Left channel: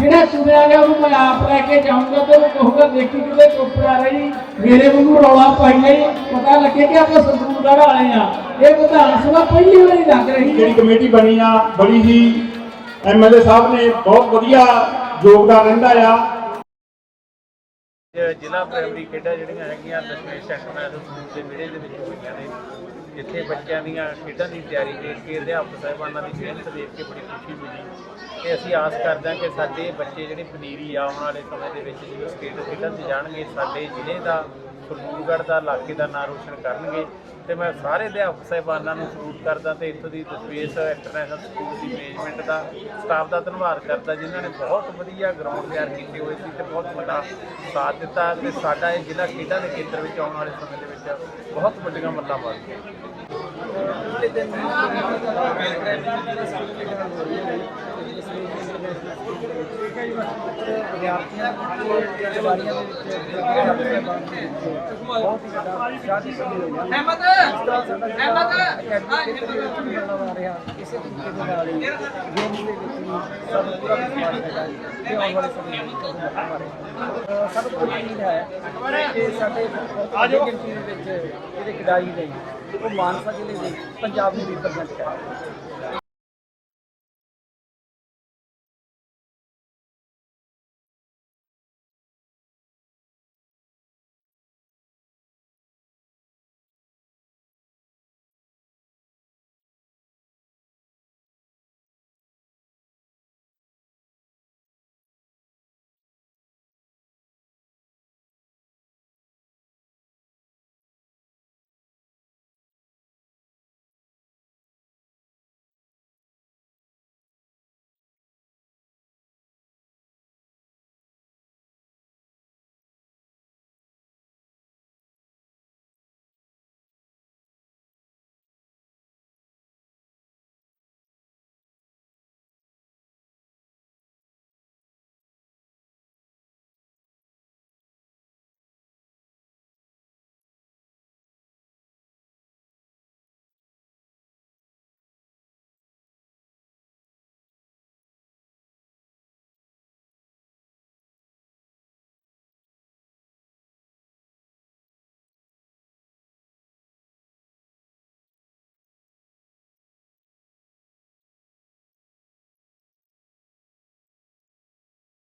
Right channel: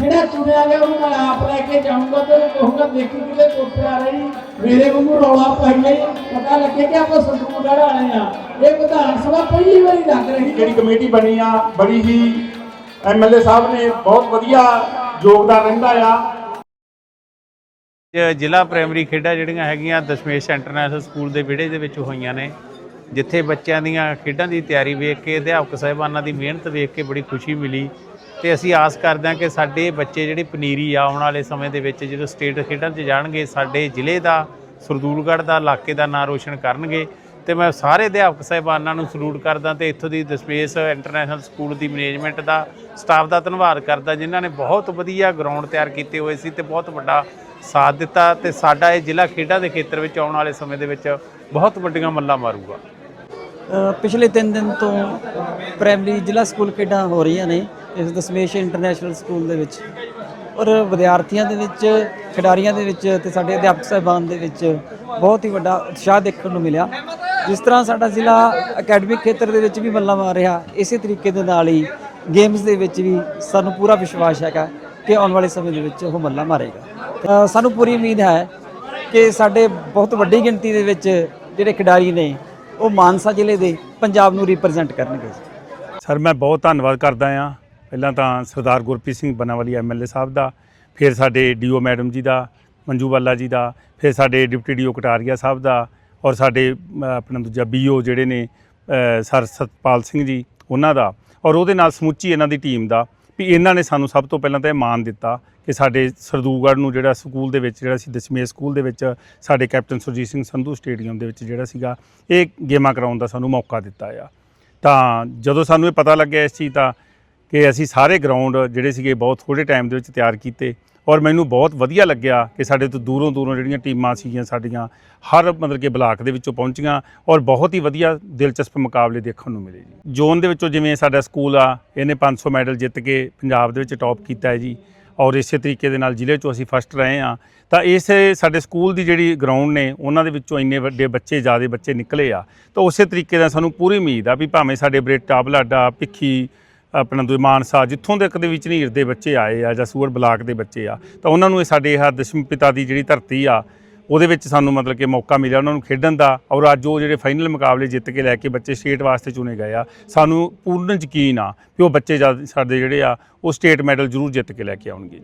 ਜਿਹੜਾ ਚੁਣਿਆ ਗਿਆ ਉਹਨੂੰ ਮੈਂ ਆਪ ਲੈ ਕੇ ਜਾਊਂਗਾ ਤੇ ਉਹ ਕਹੂੰਗਾ ਦੇਖੀ ਕਿਤੇ ਚੁੱਪ ਆ ਰਹੀ। ਮੇਰੇ ਵਾਂਗੂ ਰੌਲਾ ਪਾਈਏ ਪਤਾ ਲੱਗੇ ਕਿ ਆਪਾਂ ਸੰਤੂਰ ਵਾਲੇ ਆ। ਇਹ ਵਿਧਾਨ ਸਭਾ ਪਹਿਲੀ ਵਾਰੀ ਲੱਗ ਰਹੀ ਹੈ। ਜਿਹੜੀ ਕਮੇਟੀ ਬਣੀ ਆ ਬੜੀ ਹੀ ਐਮਐਲਏ ਸਾਹਿਬ ਨੇ ਬਹੁਤ ਵਧੀਆ ਯੋਗਦਾਨ ਰਹਿੰਦਾ ਆ। ਜ਼ਿਲ੍ਹਾ ਪ੍ਰਾਇਮਰੀ ਖੇਡਾਂ ਜਿਹੜੀਆਂ ਹੈਗੀਆਂ ਦਸ਼ਮੇਸ਼ ਇੰਟਰਨੈਸ਼ਨਲ ਸਕੂਲ ਦੇ ਵਿਹੜੇ ਦੇ ਵਿੱਚ ਹੋਈਆਂ ਨੇ। ਜਿੱਥੇ ਬੱਚਿਆਂ ਦੀਆਂ ਖੇਡਾਂ ਦੀ ਤਿਆਰੀ ਵੇਖ ਕੇ ਅਧਿਆਪਕ ਸਾਹਿਬਾਨਾਂ ਦੀ ਮਿਹਨਤ ਵੇਖ ਕੇ ਬੜੀ ਖੁਸ਼ੀ ਮਿਲੀ। ਤੇ ਅਸੀਂ ਆਸ ਕਰਦੇ ਹਾਂ ਕਿ ਸਾਡੇ ਬੱਚੇ ਜਿਹੜੇ ਪਨੀਰੀ ਆਉਣ ਵਾਲੇ ਸਮੇਂ ਦੇ ਵਿੱਚ ਜਦੋਂ ਸਟੇਟ ਖੇਡਾਂ 'ਚ ਜਾਣਗੇ, ਸਾਡੇ ਜ਼ਿਲ੍ਹੇ ਦਾ, ਸਰਦੂਲਗੜ੍ਹ ਦਾ, ਇਲਾਕੇ ਦਾ ਨਾਂ ਰੋਸ਼ਨ ਕਰਨਗੇ। ਤੇ ਮੈਂ ਸਾਰੇ ਅਧਿਆਪਕ ਸਾਹਿਬਾਨਾਂ ਨੂੰ ਸਲੂਟ ਕਰਦਾ ਤੇ ਇੱਥੋਂ ਦੀ ਦਸਪੇਸ ਇੰਟਰਨੈਸ਼ਨਲ ਸਕੂਲ ਦੀ ਮੈਨੇਜਮੈਂਟ ਦਾ ਸਟਾਫ ਦਾ ਧੰਨਵਾਦ ਕਰਦਾ, ਜਿਨ੍ਹਾਂ ਨੇ ਬਹੁਤ ਵਧੀਆ ਗਰਾਊਂਡ ਤਿਆਰ ਕੀਤੇ ਹੋਏ ਸੀ ਤੇ ਬਹੁਤ ਵੱਡਾ ਸਾਥ ਦਿੱਤਾ ਤੇ ਸਾਡਾ ਇਹ ਜ਼ਿਲ੍ਹਾ ਖੇਡਾਂ ਦੇ ਖੇਤਰ ਵਿੱਚ ਆਉਣ ਵਾਲੇ ਸਮੇਂ ਦੇ ਵਿੱਚ ਬਹੁਤ ਵੱਡੀਆਂ ਮੱਲਾਂ ਮਾਰੂਗਾ। ਪਿਛਲੇ 3 ਦਿਨ ਤੋਂ ਪ੍ਰਾਇਮਰੀ ਜ਼ਿਲ੍ਹਾ ਸਕੂਲ ਖੇਡਾਂ ਹੋ ਰਹੀਆਂ ਨੇ ਇਸ ਦਸਮੇਸ਼ ਇੰਟਰਨੈਸ਼ਨਲ ਸਕੂਲ ਦੇ ਵਿੱਚ। ਔਰ ਵਿਦਿਆਰਥੀਆਂ ਦੇ ਵਿੱਚ, ਖਿਡਾਰੀਆਂ ਦੇ ਵਿੱਚ ਤੇ ਸਾਡੇ ਅਧਿਆਪਕ ਸਾਹਿਬਾਨ ਦੇ ਵਿੱਚ ਬਹੁਤ ਹੀ ਵੱਡਾ ਉਤਸ਼ਾਹ ਦੇਖਣ ਨੂੰ ਮਿਲਿਆ। ਜਿਸ ਤਰ੍ਹਾਂ ਸਾਡਾ ਜ਼ਿਲ੍ਹਾ ਅਕੈਡਮਿਕ ਖੇਤਰ ਦੇ ਵਿੱਚ ਵੀ ਬੱਲਾ ਮਾਰ ਰਿਹਾ, ਇਸੇ ਤਰੀਕੇ ਦੇ ਨਾਲ ਹੀ ਗੇਮਸ ਦੇ ਵਿੱਚ ਵੀ ਸਾਨੂੰ ਪੂਰਾ ਵਿਸ਼ਵਾਸ ਹੈਗਾ ਕਿ ਆਉਣ ਵਾਲੇ ਸਮੇਂ ਦੇ ਵਿੱਚ ਉਹ ਬੱਲਾ ਮਾਰੇਗਾ। ਸਾਨੂੰ ਪੂਰੀ ਉਮੀਦ ਹੈ ਕਿ ਸਾਡੇ ਬਹੁਤ ਵੱਡੀ ਗਿਣਤੀ ਦੇ ਵਿੱਚ ਜਿਹੜੇ ਖਿਡਾਰੀ ਨੇ ਉਹ ਮਾਨਸਾ ਜ਼ਿਲ੍ਹੇ ਦੇ ਪੰਜਾਬ ਨੂੰ ਰਿਪਰੈਜ਼ੈਂਟ ਕਰਨਗੇ। ਸਰ, ਮੈਂ ਬਹੁਤ ਧੰਨਵਾਦ ਕਰਦਾ ਹਾਂ। ਪਹਿਲਾਂ ਤਾਂ ਸਰਦਾਰ ਗੁਰਪ੍ਰੀਤ ਸਿੰਘ ਬਨਾਵਾਲੀ ਐਮਐਲਏ ਸਾਹਿਬ ਦਾ, ਫਿਰ ਸਾਡੇ ਡੀਓ ਮੈਡਮ ਜੀ ਦਾ, ਮੰਜੂ ਵਾਲਾ ਜੀ ਦਾ, ਫਿਰ ਸਾਡੇ ਡਿਪਟੀ ਡੀਓ ਕਟਾਰੀਆ ਸਾਹਿਬ ਦਾ ਔਰ ਸਾਡੇ ਆਪਣਾ ਦੂਜਾ ਬੀਓ ਜਿਹੜੇ ਨੇ ਸਰ ਸਤਪਾਲ ਸਿੰਘ ਜੀ, ਉਹਨਾਂ ਦਾ। ਔਰ ਉਹਦੇ ਨਾਲ ਸਮੁੱਚੀ ਇਹਨਾਂ ਦੀ ਟੀਮ ਦਾ ਵੀ ਇਹਨਾਂ ਨੇ ਸਾਨੂੰ ਸਭ ਤੋਂ ਪਹਿਲਾਂ ਤਾਂ ਇਹ ਮਾਣ ਦਿੱਤਾ ਕਿ ਸਾਡੇ ਸਰਦੂਗੜ੍ਹ ਨੂੰ ਜਿਹੜਾ ਸਕੂਲ ਦੇ ਵਿੱਚ, ਜਿਹੜਾ ਸੀ ਦਸਮੇਸ਼ ਸਕੂਲ ਦੇ ਵਿੱਚ, ਸਾਡੇ ਕੈਪਟਨ ਸੁਰਜੀਤ ਸਿੰਘ ਸੰਧੂ ਸਟੇਡੀਅਮ ਦੇ ਵਿੱਚ ਜਿਹੜਾ ਸੀਗਾ, ਇਹ ਗੇਮਾਂ ਕਰਾਉਣ ਦਾ ਸਾਨੂੰ ਮੌਕਾ ਦਿੱਤਾ ਆ। ਤਾਂ ਜਦੋਂ ਸਾਨੂੰ ਇਹ ਪਤਾ ਲੱਗਿਆ ਇਸ ਚੀਜ਼ ਦਾ ਕਿ ਅਸੀਂ ਸਾਰੇ ਗਰਾਊਂਡ ਜਿਹੜੇ ਸੀਗੇ ਬਹੁਤ ਥੋੜੇ ਟਾਈਮ ਦੇ ਵਿੱਚ ਤਿਆਰ ਕੀਤੇ ਔਰ ਮੈਨੂੰ ਬਹੁਤ ਵਧੀਆ ਲੱਗਿਆ ਕਿ ਸਾਡੇ ਤੋਂ ਦੂਰੋਂ ਦੂਰੋਂ ਜਿਹੜੀਆਂ ਟੀਮਾਂ ਸੀਗੀਆਂ ਸਾਡੀਆਂ, ਹਰ ਮਤਲਬ ਕਿ ਬਲਾਕ ਦੇ ਵਿੱਚੋਂ ਪਹੁੰਚੀਆਂ ਔਰ ਬਹੁਤ ਹੀ ਵਧੀਆ ਦਿਲਚਸਪ ਮੁਕਾਬਲੇ ਦੇਖਣ ਨੂੰ ਮਿਲੇ ਜੀ। ਜ਼ੋਨ ਦੇ ਵਿੱਚੋਂ ਜਿਵੇਂ ਸਾਡਾ ਸਕੂਲ ਆ, ਇਹਨੇ 500 ਮੈਡਲ ਜਿੱਤ ਕੇ ਪੰਜਾਬ ਦੇ ਵਿੱਚ ਟੌਪ ਕੀਤਾ ਹੈ ਜੀ। ਔਰ ਇਸੇ ਤਰੀਕੇ ਦੇ ਨਾਲ ਜ਼ਿਲ੍ਹੇ 'ਚੋਂ ਅਸੀਂ ਫਸਟ ਰਹੇ ਆ ਤਾਂ ਇਸੇ ਸਾਡੇ ਸਕੂਲ ਦੀ ਜਿਹੜੀ ਗਰਾਊਂਡ ਨੇ, ਉਹਨਾਂ ਦੇ ਵਿੱਚੋਂ ਇੰਨੇ ਵੱਡੇ ਬੱਚੇ, ਜ਼ਿਆਦੇ ਬੱਚੇ ਨਿਕਲੇ ਆ। ਤਾਂ ਉਸੇ ਤਰੀਕੇ ਦਾ ਸਾਨੂੰ ਪੂਰੀ ਉਮੀਦ ਆ ਵੀ ਭਾਵੇਂ ਸਾਡੇ ਬਰੇਟਾ ਬਲਾਡਾ ਭਿੱਖੀ, ਆਪਣਾ ਦੂਜੇ ਮਾਨਸਾ, ਜਿੱਥੋਂ ਤੱਕ ਦੇ ਵਿੱਚ ਨੀਰ ਦੇ ਬੱਚੇ ਆਏ ਆ ਜਾਂ ਸੂਰ ਬਲਾਕ ਦੇ ਬੱਚੇ ਆ, ਤਾਂ ਉਹਨਾਂ ਨੂੰ ਇਹ ਸਾਡੇ ਇਹ ਦਸ਼ਮ ਪਿਤਾ ਦੀ ਜਿਹੜੀ ਧਰਤੀ ਆ ਉਹਦੇ ਵਿੱਚ ਸਾਨੂੰ ਮਤਲਬ ਕਿ ਮੌਕਾ ਮਿਲਿਆ ਉਹਨਾਂ ਨੂੰ ਖੇਡਣ ਦਾ ਔਰ ਅੱਜ ਉਹ ਜਿਹੜੇ ਫਾਈਨਲ ਮੁਕਾਬਲੇ ਜਿੱਤ ਕੇ ਲੈ ਕੇ ਬੱਚੇ ਸਟੇਟ ਵਾਸਤੇ ਚੁਣੇ ਗਏ ਆ, ਸਾਨੂੰ ਪੂਰਨ ਯਕੀਨ ਆ ਕਿ ਉਹ ਬੱਚੇ ਜਦ ਸਾਡੇ ਜਿਹੜੇ ਆ, ਉਹ ਸਟੇਟ ਮੈਡਲ ਜ਼ਰੂਰ ਜਿੱਤ ਕੇ ਲੈ ਕੇ ਆਉਣਗੇ।